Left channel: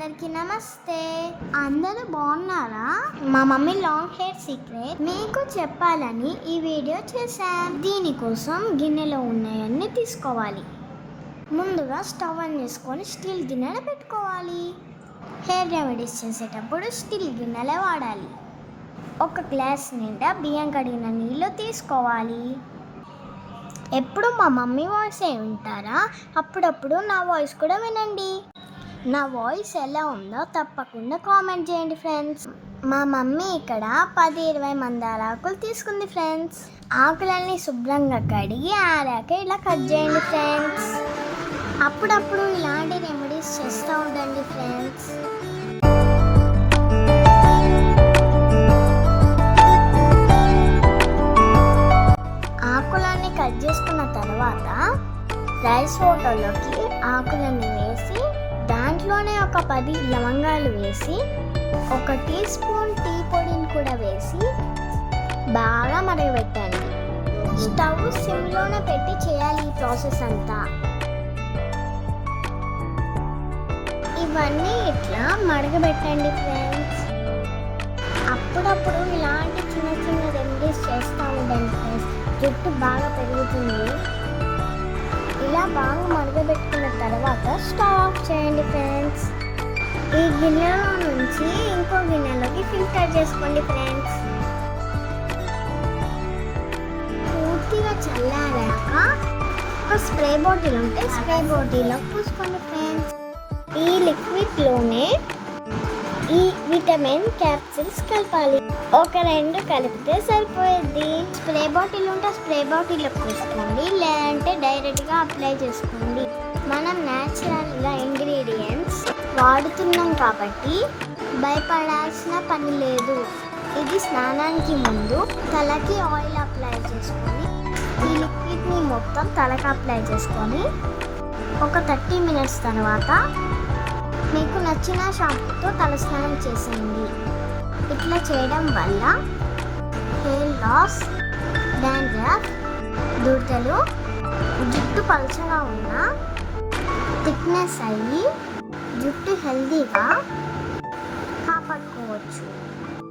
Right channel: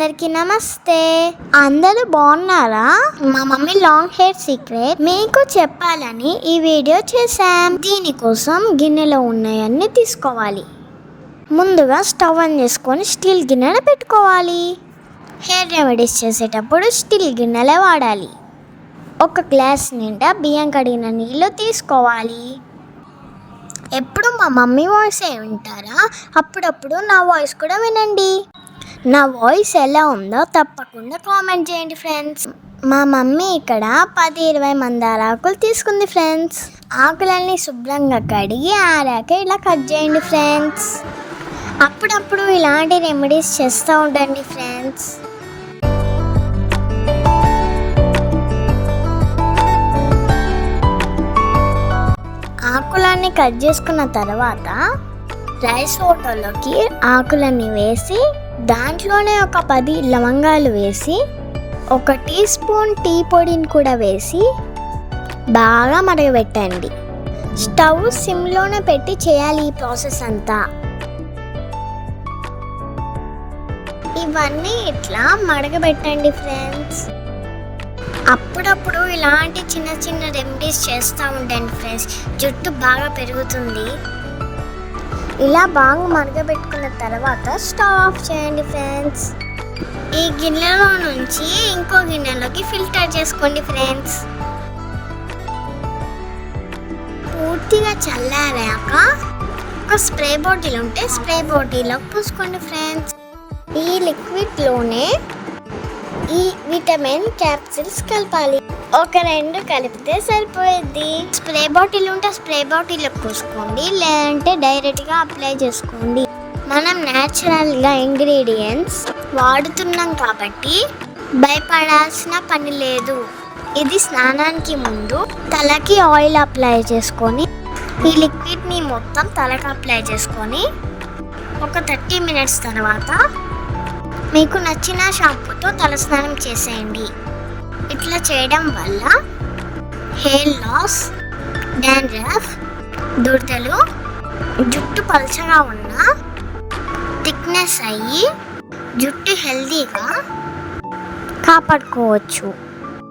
అందరికీ నమస్తే. అందరూ బాగున్నారా? మా మమ్మీ లాంగ్ హెయిర్ సీక్రెట్ మీకు చెప్పాలని ఈ వీడియో చేశాం. దీనికోసం గిన్నెలో ఉన్నాయన్నీ తీసుకోవాలి. ముందుగా స్టవ్ ఆన్ చేసుకొని స్టీల్ గిన్నెలు పెట్టుకోవాలి. హెయిర్ రెమెడీస్ చేసేటప్పుడు స్టీల్ గిన్నెలే వాడాలి. ఒక గ్లాస్ నిండా బియ్యం కడిగిన నీళ్ళు తీసుకోవాలి. ఎప్పుడు మా మమ్మీ వాయిస్ ఏ అప్పుడప్పుడు నా వాయిస్ కూడా వినండి. నా వాయిస్ ఎలా ఉందో తప్పకుండా కామెంట్ చేయండి ఫ్రెండ్స్. మా మమ్మీ ఇక్కడ పది ఇరవై మందార ఆకులు తీసుకుంది ఫ్రెండ్స్. ఆకులన్నీ శుభ్రంగా కడిగి ఆరాక ఇలా కట్ చేయండి ఫ్రెండ్స్. అప్పుడప్పుడు ఇలాంటి రెమెడీస్ చేస్తూ ఉండండి ఫ్రెండ్స్. ఆకులన్నీ కట్ చేసుకున్న తర్వాత రైస్ ఫోటోలోకి ఆకులన్నీ వేసి దాంట్లోనే ఒక పది లవంగాలు వేసి ఒక టీ స్పూన్ టీ పొడిని కూడా వేసి బాగా మరగబెట్టండి. స్టవ్ సిమ్లోనే పెట్టి చేయాలి ఈ ప్రాసెస్ అంతా. ఇవన్నీ ఇట్లా మడగబెట్టండి ఫ్రెండ్స్. అప్పుడప్పుడు ఇలాంటి చిన్న చిన్న రెమెడీస్ చేస్తూ ఉండండి ఫ్రెండ్స్. జుట్టు బాగా పెరుగుతుంది. ఇలా బాగా మరగబెట్టుకున్న తర్వాత స్టవ్ ఆఫ్ చేయండి ఫ్రెండ్స్. ఈ గిన్నెలో నుంచి ఇంకో గిన్నెలోకి ఫిల్టర్ చేసుకోండి ఫ్రెండ్స్. పూర్తిగా చల్లారాక ఒక స్ప్రే బాటిల్ ఉంటే స్ప్రే బాటిల్లో పూసుకోండి ఫ్రెండ్స్. ఈ లిక్విడ్లోనే ఈ విటమిన్ క్యాప్సిల్స్ కలపాలి. ఒక రెండు కలిపితే సరిపోయేది. స్ప్రే బాటిల్ ఉంటే స్ప్రే బాటిల్ పోసుకోండి లేదంటే డైరెక్ట్గా అప్లై చేసుకోండి. మనం న్యాచురల్గా ఇంగ్రీడియంట్స్ వాడుతున్నాం కాబట్టి భయపడాల్సిన పని లేదు. ఇది స్నానానికి ముందు తలకి ఆయిల్ అప్లై చేసుకొని ఈ లిక్విడ్ని మొత్తం తలకి అప్లై చేసుకొని ఒక థర్టీ మినిట్స్ తర్వాత మీకు నచ్చిన షాంపూతో తలస్నానం చేసేయండి. ఇట్లా చేయడం వల్ల హెయిర్ లాస్ డాండ్రఫ్ దురదలు జుట్టు పలచగా ఉన్న థిక్నెస్ అయ్యి జుట్టు హెల్దీగా కాపాడుకోవచ్చు.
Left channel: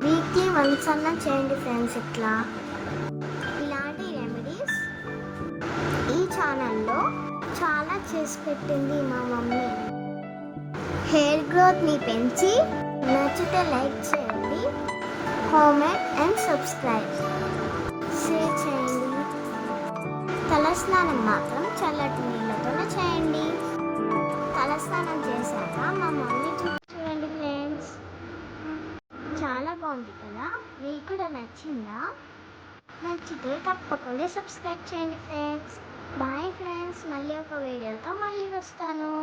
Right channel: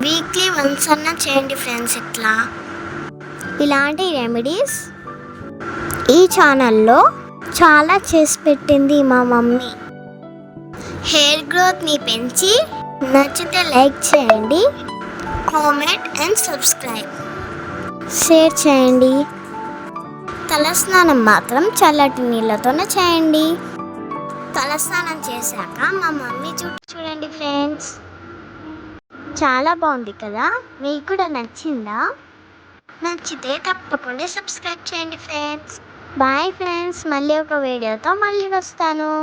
వీక్లీ వన్స్ అన్నా చేయండి ఫ్రెండ్స్ ఇట్లా. ఇలాంటి రెమెడీస్ ఈ ఛానల్లో చాలా చేసి పెట్టింది మా మమ్మీ. హెయిర్ గ్రోత్ని పెంచి నచ్చితే లైక్ చేయండి కామెంట్ అండ్ సబ్స్క్రైబ్. షేర్ చేయండి. తలస్నానం మాత్రం చల్లటి నీళ్ళతోనే చేయండి. తలస్నానం చేశాక మా మమ్మీ చుట్టూ చూడండి ఫ్రెండ్స్. చాలా బాగుంది కదా? మీకు కూడా నచ్చిందా? నచ్చితే తప్పకుండా సబ్స్క్రైబ్ చేయండి ఫ్రెండ్స్. Bye friends. మళ్ళీ ఒక వీడియోతో మళ్ళీ వస్తాను.